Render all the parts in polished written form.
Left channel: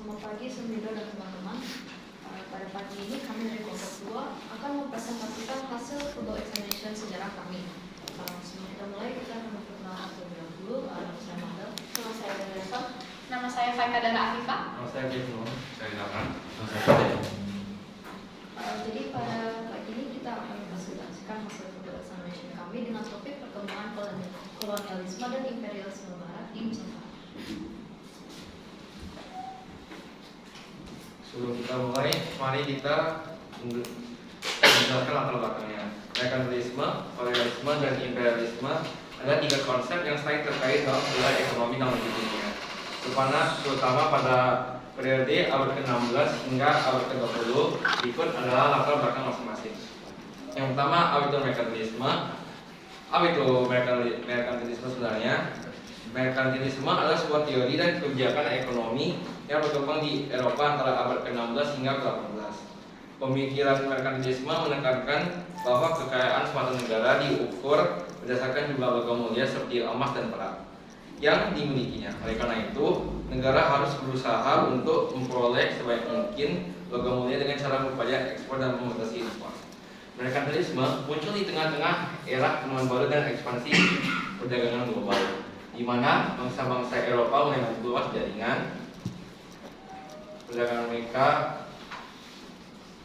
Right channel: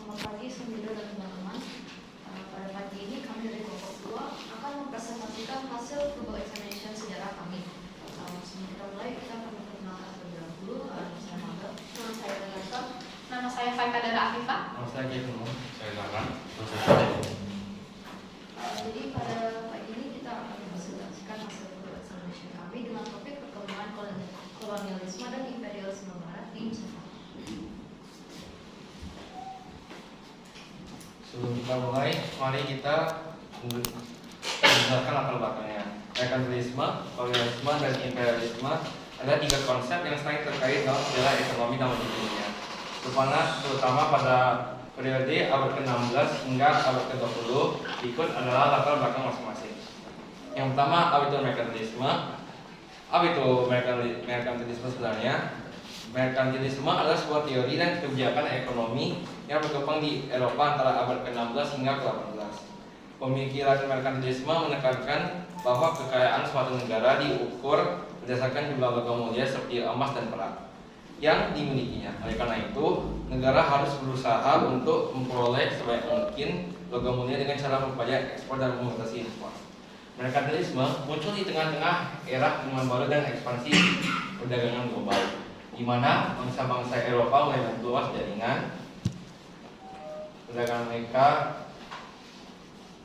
Selamat pagi Sumida dan teman-teman. Pada pagi ini kami dari kelompok 2 akan mempresentasikan hasil Google Examination sejarah kami. Sebelum kita mulai, kita akan memperkenalkan terlebih dahulu. Nama saya Manda. Nama saya Ganesan. Nama saya Faika Dara Afifah. Nama saya Kifno. Saya Zaman. Jadi pada pagi ini kita akan mempresentasikan hasil Google Examination kami dengan topik perkembangan kolonialisme dan imperialisme Barat di Nusantara. Sebelum kita mulai, mari kita menjelaskan latar belakangnya. Merkantilisme, kolonialisme, dan imperialisme adalah 3 konsep yang sering terkait dalam sejarah ekonomi dalam dunia, terutama pada periode abad ke-16 hingga abad ke-20. Berikut adalah latar belakang masing-masing. Yang pertama, apa itu merkantilisme? Apa itu merkantilisme sebenarnya? Merkantilisme adalah sebuah teori dan kebijakan ekonomi yang berkembang di Eropa antara abad ke-16 hingga ke-18. Pemikiran merkantilisme menekankan bahwa kekayaan suatu negara diukur berdasarkan jumlah logam mulia seperti emas dan perak yang dimilikinya. Oleh karena itu, negara harus berusaha untuk memperoleh sebanyak mungkin logam mulia dengan cara berupaya ekspor dan membatasi impor. Merkantilisme muncul di tengah-tengah era penemuan baru dan ekspansi perdagangan global, di mana bangsa-bangsa Eropa mulai memperluas jaringan perdagangan mereka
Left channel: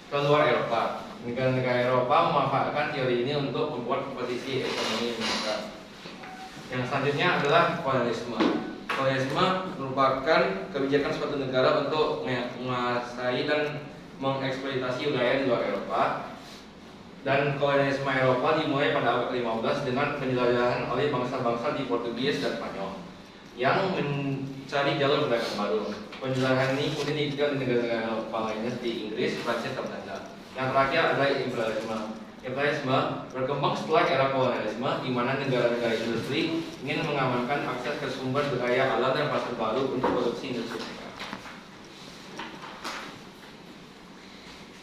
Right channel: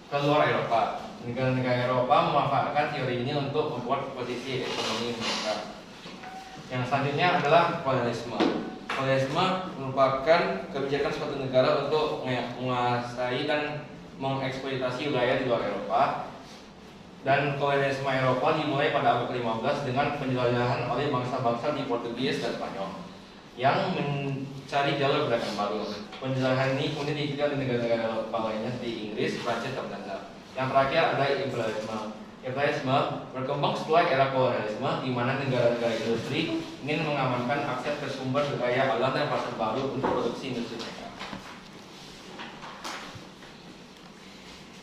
ke luar Eropa. Negara-negara Eropa memanfaatkan teori ini untuk membuat posisi ekonomi mereka. Yang selanjutnya adalah kolonialisme. Kolonialisme merupakan kebijakan suatu negara untuk menguasai dan mengeksploitasi wilayah di luar Eropa. Dan kolonialisme Eropa dimulai pada abad ke-15 dengan penjelajahan oleh bangsa-bangsa di Portugis dan Spanyol yang mencari jalur perdagangan baru. Penjelajahan ini kemudian diikuti oleh negara-negara Eropa lainnya seperti Inggris, Prancis, dan Belanda. Yang terakhir adalah imperialisme. Imperialisme berkembang setelah era kolonialisme, di mana negara-negara industri ingin mengamankan akses ke sumber daya alam dan pasar baru untuk produksi industri mereka.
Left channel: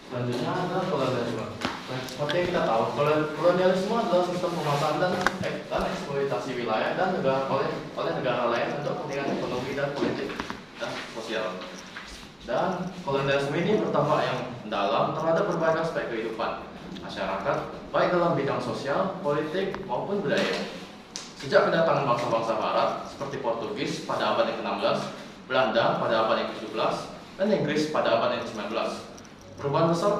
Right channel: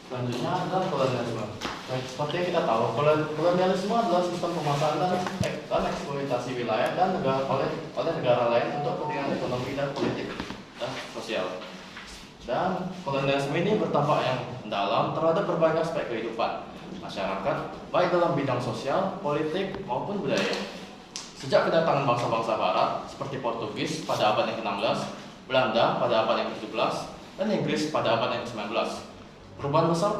Selanjutnya adalah kolonialisme. Seperti yang kita tahu, kolonialisme adalah sistem pemasaran dan eksploitasi wilayah dan negara oleh negara lain untuk kepentingan ekonomi dan politik dan sosial. Dan kolonialisme ini berdampak yang mendalam terhadap berbagai aspek kehidupan masyarakat, baik dalam bidang sosial, politik, maupun budaya. Sejak kedatangan bangsa-bangsa Barat seperti Portugis pada abad yang ke-16, Belanda pada abad yang ke-17, dan Inggris pada abad yang ke-19, perubahan besar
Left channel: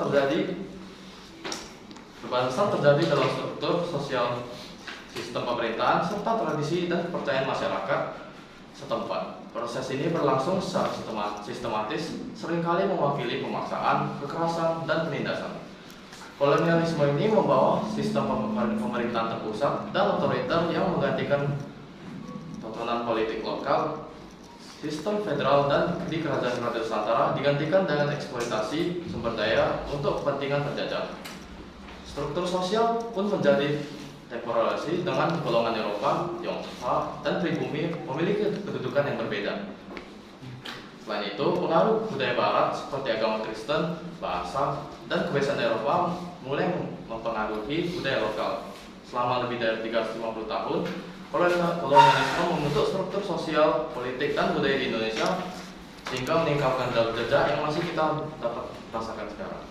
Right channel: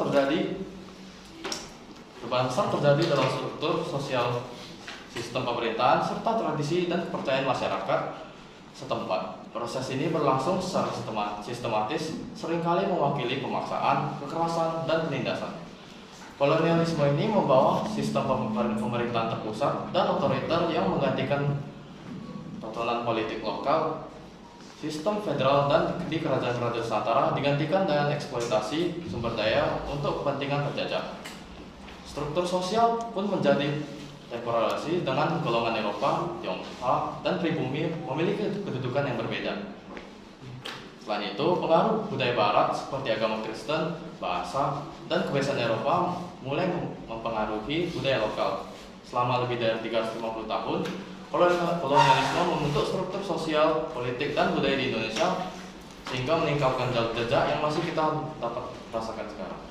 terjadi dalam struktur sosial, sistem pemerintahan, serta tradisi dan kepercayaan masyarakat setempat. Proses ini berlangsung secara sistematis, seringkali mewakili pemaksaan, kekerasan, dan penindasan. Kolonialisme ini membawa sistem pemerintahan terpusat dan otoriter yang menggantikan tatanan politik lokal. Sistem federal dan di kerajaan-kerajaan Nusantara digantikan dengan eksploitasi sumber daya untuk kepentingan penjajah. Struktur sosial pun menjadi temporalisasi dengan golongan Eropa, Tionghoa, dan pribumi memiliki kedudukan yang berbeda. Selain itu, pengaruh budaya Barat seperti agama Kristen, bahasa, dan kebiasaan Eropa mulai mempengaruhi budaya lokal. Selama lebih dari 350 tahun, kolonialisme membentuk struktur sosial, politik, dan budaya di Indonesia sehingga meningkatkan jejak yang masih kita dapat rasakan sekarang.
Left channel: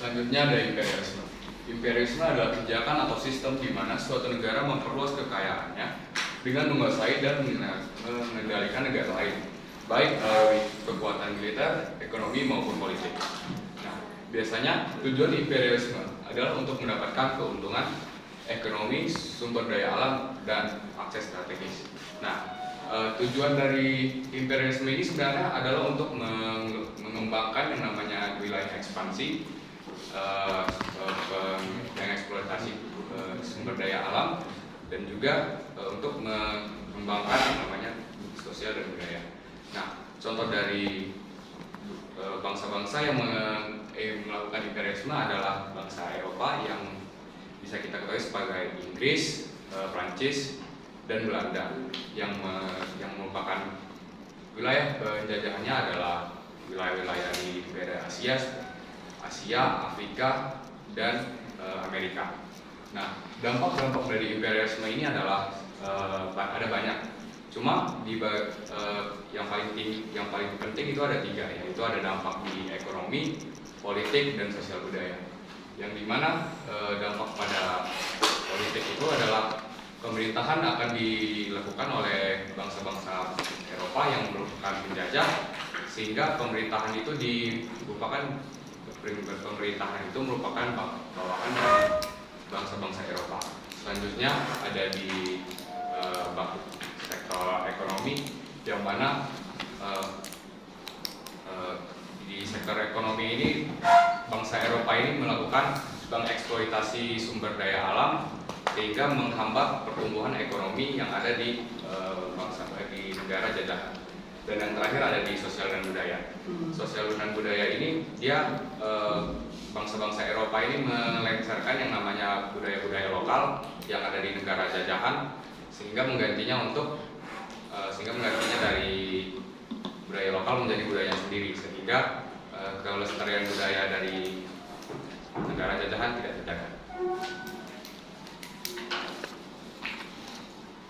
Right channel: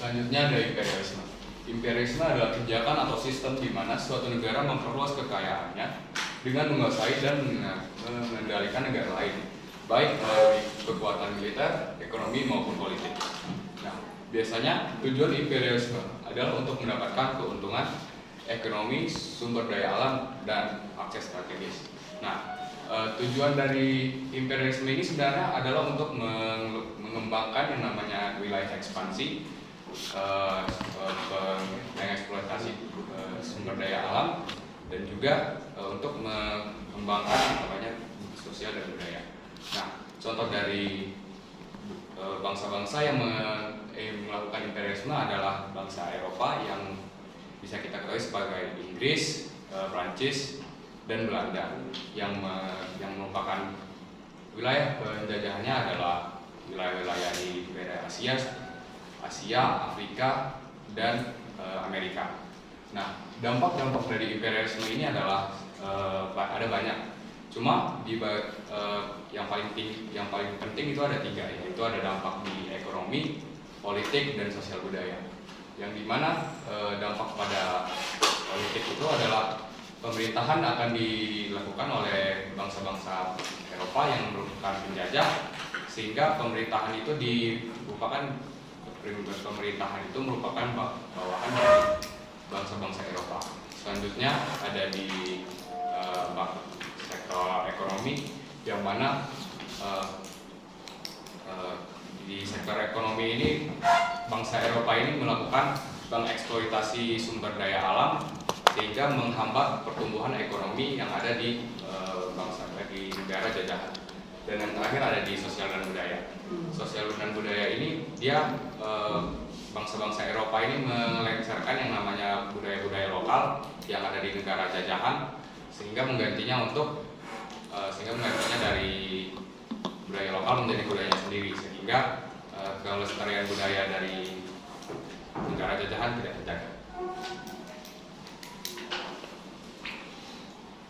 Selanjutnya ada imperialisme. Imperialisme adalah kebijakan atau sistem di mana suatu negara memperluas kekayaannya dengan menguasai dan mengendalikan negara lain, baik melalui kekuatan militer, ekonomi maupun politik. Nah, biasanya tujuan imperialisme adalah untuk mendapatkan keuntungan ekonomi, sumber daya alam, dan akses strategis. Nah, tujuan dari imperialisme ini sebenarnya adalah untuk mengembangkan yang namanya wilayah ekspansi, mengeksploitasi sumber daya alam, dan juga untuk mengembangkan yang namanya sosial dan budaya. Nah, contoh dari bangsa-bangsa yang melakukan imperialisme adalah bangsa Eropa yang bisa kita ketahui sebagai Inggris, Prancis, dan Belanda, yang merupakan wilayah penjajahannya adalah wilayah-wilayah di daerah Asia, Afrika, dan Amerika. Nah, dampak-dampak dari imperialisme ini adalah ada banyak. Cuma yang paling penting itu ada 3, yaitu ada dampak di ekonomi, politik, dan sosial budaya. Yang dimana dampak pada politik itu adalah pemerintahan akan dilakukan oleh bangsa-bangsa Eropa yang merupakan penjajah, sehingga pemerintahan itu merupakan bawahan dari bangsa-bangsa Eropa. Selanjutnya ada di sektor ekonomi, yang mana di sektor ekonomi ini bangsa Eropa ini melakukan mengeksploitasi sumber daya alam sehingga menghambat pertumbuhan ekonomi yang ada di di negara jajahan. Dan yang terakhir ada di sosial dan budaya. Sosial dan budaya ini dia bangsa-bangsa Eropa ini melengsarkan yang namanya budaya-budaya lokal yang ada di negara jajahan, sehingga menggantinya dari budaya lokal menjadi budaya sendiri, sehingga kelestarian budaya dari negara jajahan tidak terjaga.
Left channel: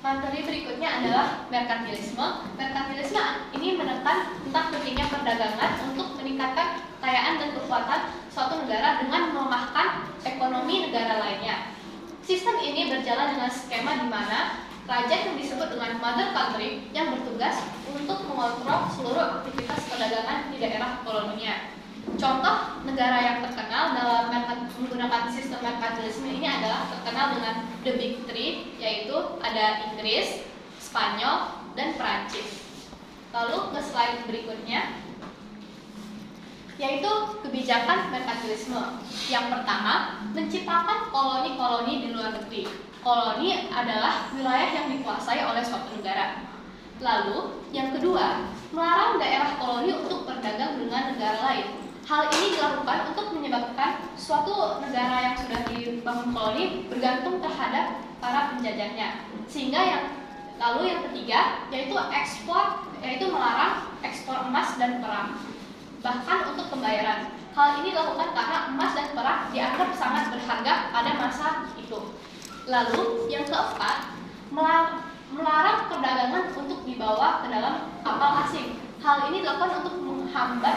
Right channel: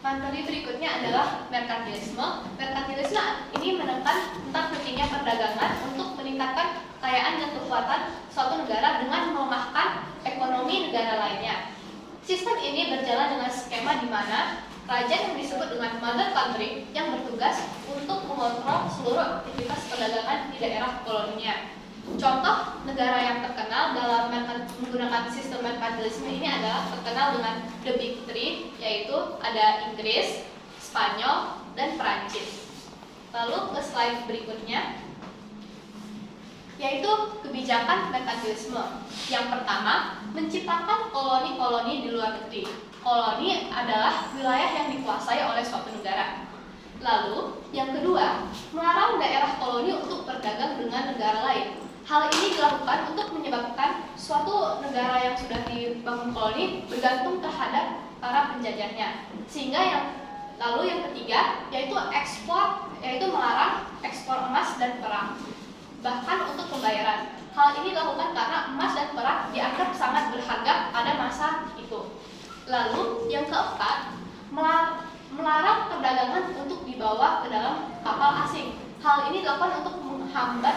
Materi berikutnya adalah merkantilisme. Merkantilisme ini menekan tentang pentingnya perdagangan untuk meningkatkan kekayaan dan kekuatan suatu negara dengan melemahkan ekonomi negara lainnya. Sistem ini berjalan dengan skema di mana kerajaan yang disebut dengan mother country yang bertugas untuk mengontrol seluruh aktivitas perdagangan di daerah koloninya. Contoh negara yang terkenal dalam menggunakan sistem merkantilisme ini adalah terkenal dengan The Big Three, yaitu ada Inggris, Spanyol, dan Perancis. Lalu ke slide berikutnya, yaitu kebijakan merkantilisme. Yang pertama, menciptakan koloni-koloni di luar negeri. Koloni adalah wilayah yang dikuasai oleh suatu negara. Lalu, yang kedua, melarang daerah koloni untuk berdagang dengan negara lain. Hal ini dilakukan untuk menyebabkan suatu negara yang sudah dibangun koloni bergantung terhadap para penjajahnya. Lalu yang ketiga, yaitu melarang ekspor emas dan perak, bahkan untuk pembayaran. Hal ini dilakukan karena emas dan perak dianggap sangat berharga pada masa itu. Lalu yang keempat, melarang perdagangan untuk dibawa ke dalam kapal asing. Hal ini dilakukan untuk menghambat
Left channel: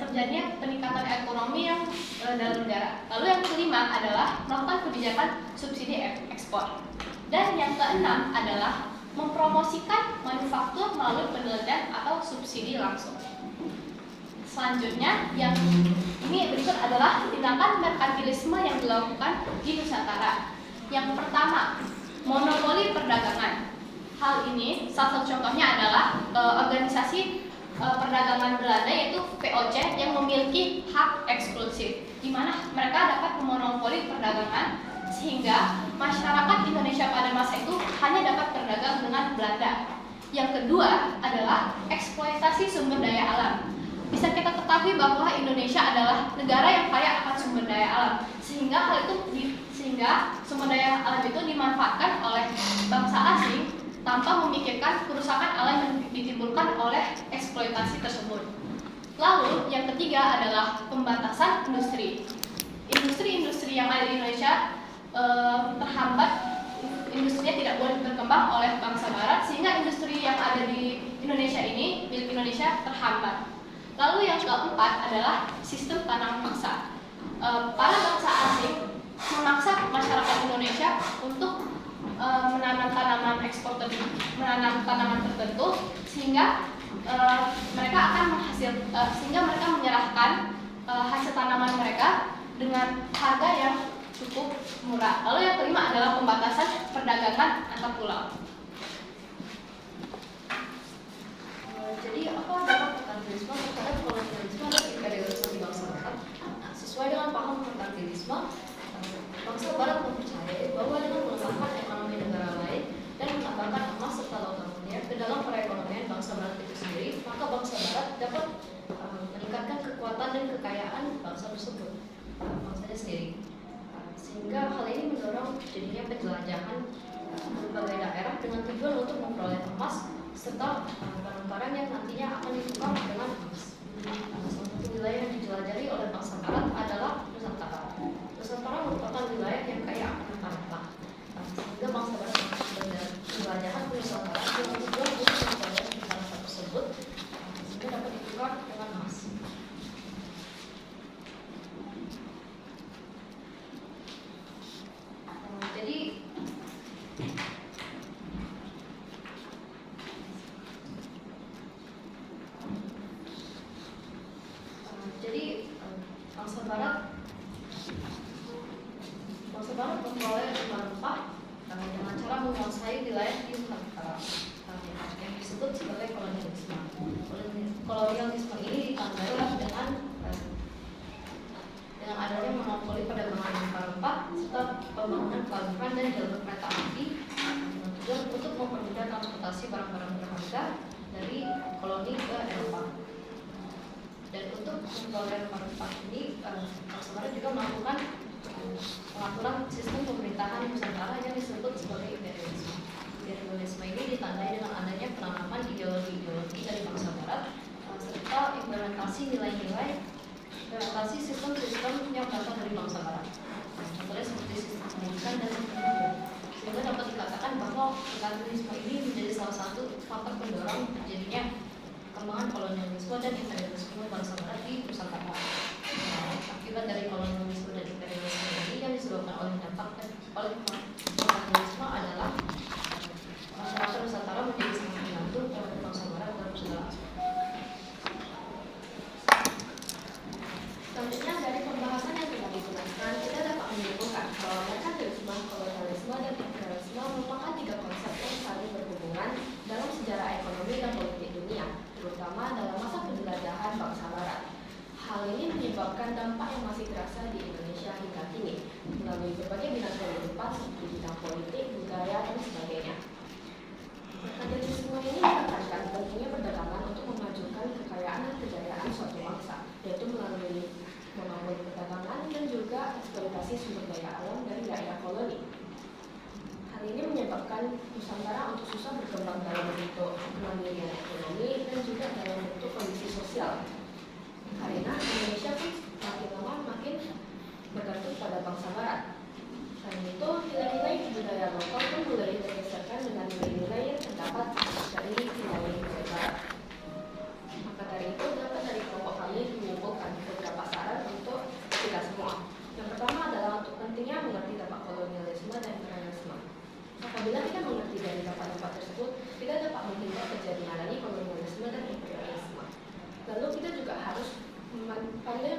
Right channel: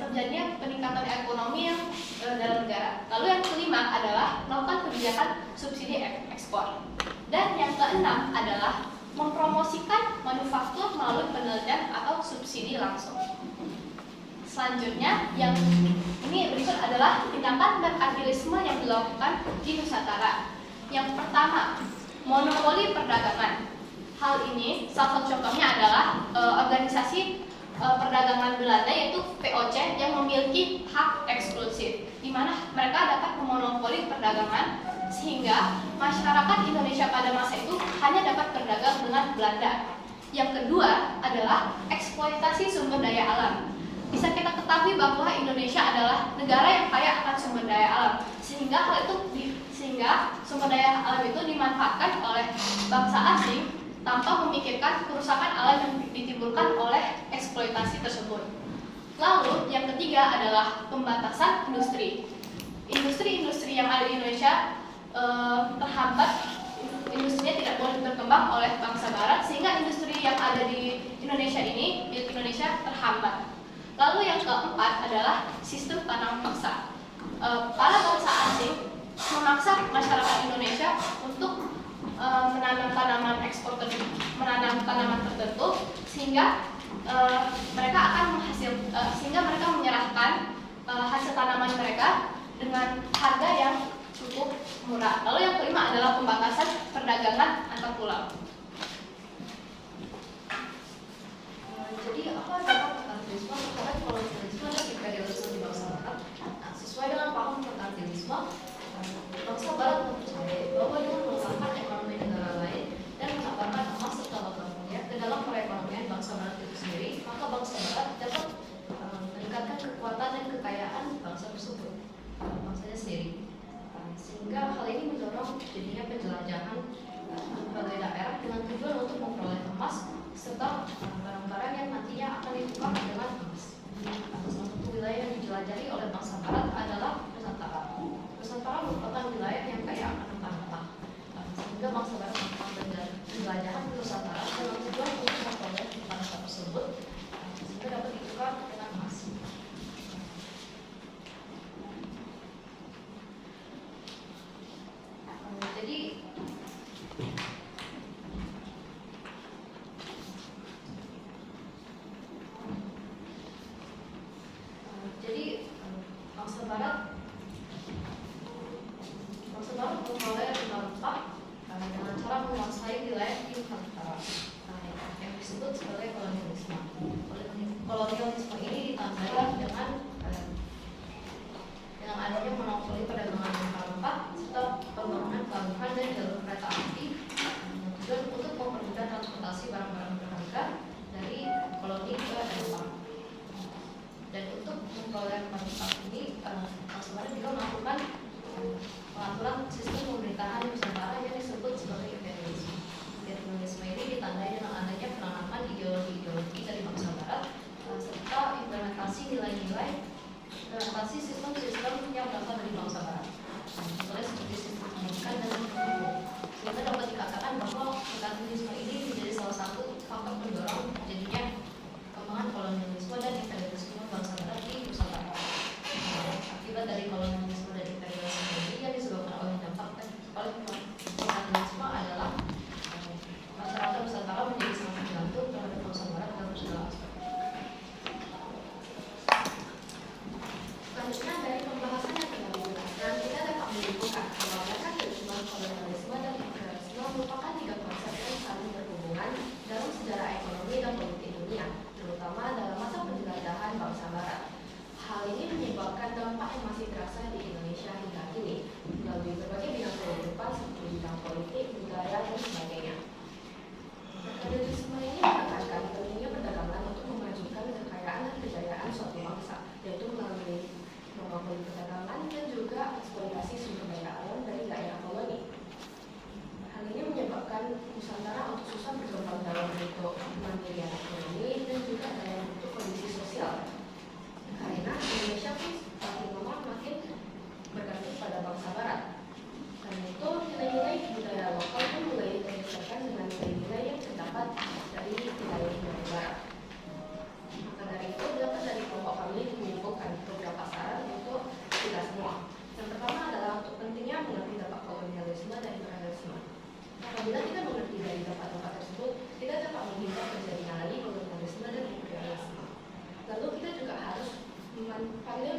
terjadinya peningkatan ekonomi yang dalam negara. Lalu yang kelima adalah melakukan kebijakan subsidi ekspor. Dan yang keenam adalah mempromosikan manufaktur melalui penelitian atau subsidi langsung. Selanjutnya, yang ini berikut adalah tindakan merkantilisme yang dilakukan di Nusantara. Yang pertama, monopoli perdagangan. Hal ini salah satu contohnya adalah organisasi perdagangan Belanda, yaitu VOC, yang memiliki hak eksklusif, di mana mereka dapat memonopoli perdagangan sehingga masyarakat Indonesia pada masa itu hanya dapat berdagang dengan Belanda. Yang kedua adalah eksploitasi sumber daya alam. Bisa kita ketahui bahwa Indonesia adalah negara yang kaya akan sumber daya alam, sehingga sumber daya alam itu dimanfaatkan oleh bangsa asing tanpa memikirkan kerusakan alam yang ditimbulkan oleh eksploitasi tersebut. Lalu yang ketiga adalah pembatasan industri. Industri-industri yang ada di Indonesia terhambat, industrinya tidak boleh berkembang oleh bangsa Barat, sehingga industri yang ada di Indonesia ini, milik Indonesia, terhambat. Lalu yang keempat adalah sistem tanam paksa. Para bangsa asing memaksa masyarakat Indonesia untuk menanam tanaman tertentu, sehingga mereka menyerahkan hasil tanaman mereka dengan harga yang cukup murah. Lalu yang kelima adalah pembatasan perdagangan antar pulau. Jadi apa dampak merkantilisme terhadap kolonialisme dan imperialisme di bangsa Barat? Sesuai dengan paham merkantilisme, bangsa Barat mempercayai bahwa dengan mengembangkan ekonomi negara lain dan menambahkan emas serta logam mulia ke dalam perekonomian bangsa Barat itu sendiri, maka bangsa Barat dapat meningkatkan kekuatan dan kekayaan bangsa tersebut, bangsanya sendiri. Sehingga hal ini mendorong jadinya penjelajahan berbagai daerah dengan tujuan untuk memperoleh emas serta barang-barang yang nantinya akan ditukar dengan emas. Salah satu wilayah yang dijelajahi oleh bangsa Barat adalah Nusantara. Nusantara merupakan wilayah yang kaya akan rempah-rempah, sehingga bangsa Barat melakukan penjelajahan Nusantara yang bertujuan untuk mengkoordinasi bangsa tersebut sehingga dapat ditukar dengan emas. Jadi bangsa Barat memperoleh rempah dengan cara menguasai wilayah di Nusantara yang disebut sebagai kolonialisme. Kolonialisme ini ditandai dengan adanya monopoli perdagangan rempah serta pembangunan pelabuhan dan jalur kereta api tujuan untuk mempermudah transportasi barang-barang berharga dari koloni ke Eropa. Dan untuk memperoleh rempah ini, bangsa Barat juga melakukan pengaturan sistem pemerintahan Nusantara yang disebut sebagai imperialisme. Imperialisme ini ditandai dengan adanya penanaman ideologi dari bangsa Barat serta implementasi sistem-sistem yang berasal dari bangsa Barat. Contohnya seperti sistem pendidikan dan hukum. Sehingga dapat dikatakan bahwa imperialisme ini menjadi salah satu faktor pendorong terjadinya perkembangan kolonialisme dan imperialisme bangsa Barat di Nusantara. Akibat dari kolonialisme dan imperialisme ini yang disebabkan oleh dampak kolonialisme adalah masyarakat Nusantara menjadi sangat tergantung terhadap bangsa Barat dalam segala aspek. Selanjutnya dari pembahasan yang telah dijelaskan, kita dapat menyimpulkan bahwa merkantilisme, kolonialisme, dan imperialisme merupakan tiga konsep yang saling berhubungan dalam sejarah ekonomi dan politik dunia, terutama dalam masa penjelajahan bangsa Barat. Hal ini menyebabkan dampak yang masih terasa di Indonesia hingga kini, melalui berbagai bidang kehidupan seperti bidang politik, budaya, dan sebagainya. Merkantilisme ini menekankan pentingnya perdagangan untuk memajukan kekayaan dan kejayaan suatu bangsa, yaitu melalui monopoli perdagangan dan juga eksploitasi sumber daya alam dari daerah koloni. Hal ini menyebabkan Nusantara untuk susah berkembang dalam bentuk kemandirian ekonomi dan juga dalam bentuk kondisi sosial. Karena Indonesia pun makin lama makin bergantung pada bangsa Barat. Karena itu nilai-nilai budaya lokal pun mulai bergeserkan dengan nilai-nilai yang terdapat dari nilai-nilai Barat. Maka dari itu dapat dari kelompok kami menyimpulkan beberapa saran untuk kita semua. Yang pertama adalah untuk pentingnya mengerti dampak kolonialisme dan imperialisme. Apabila kita mengerti dari dampak-dampak tersebut, kita dapat menghindar terjadinya lagi kolonialisme dan imperialisme. Lalu kita juga harus apabila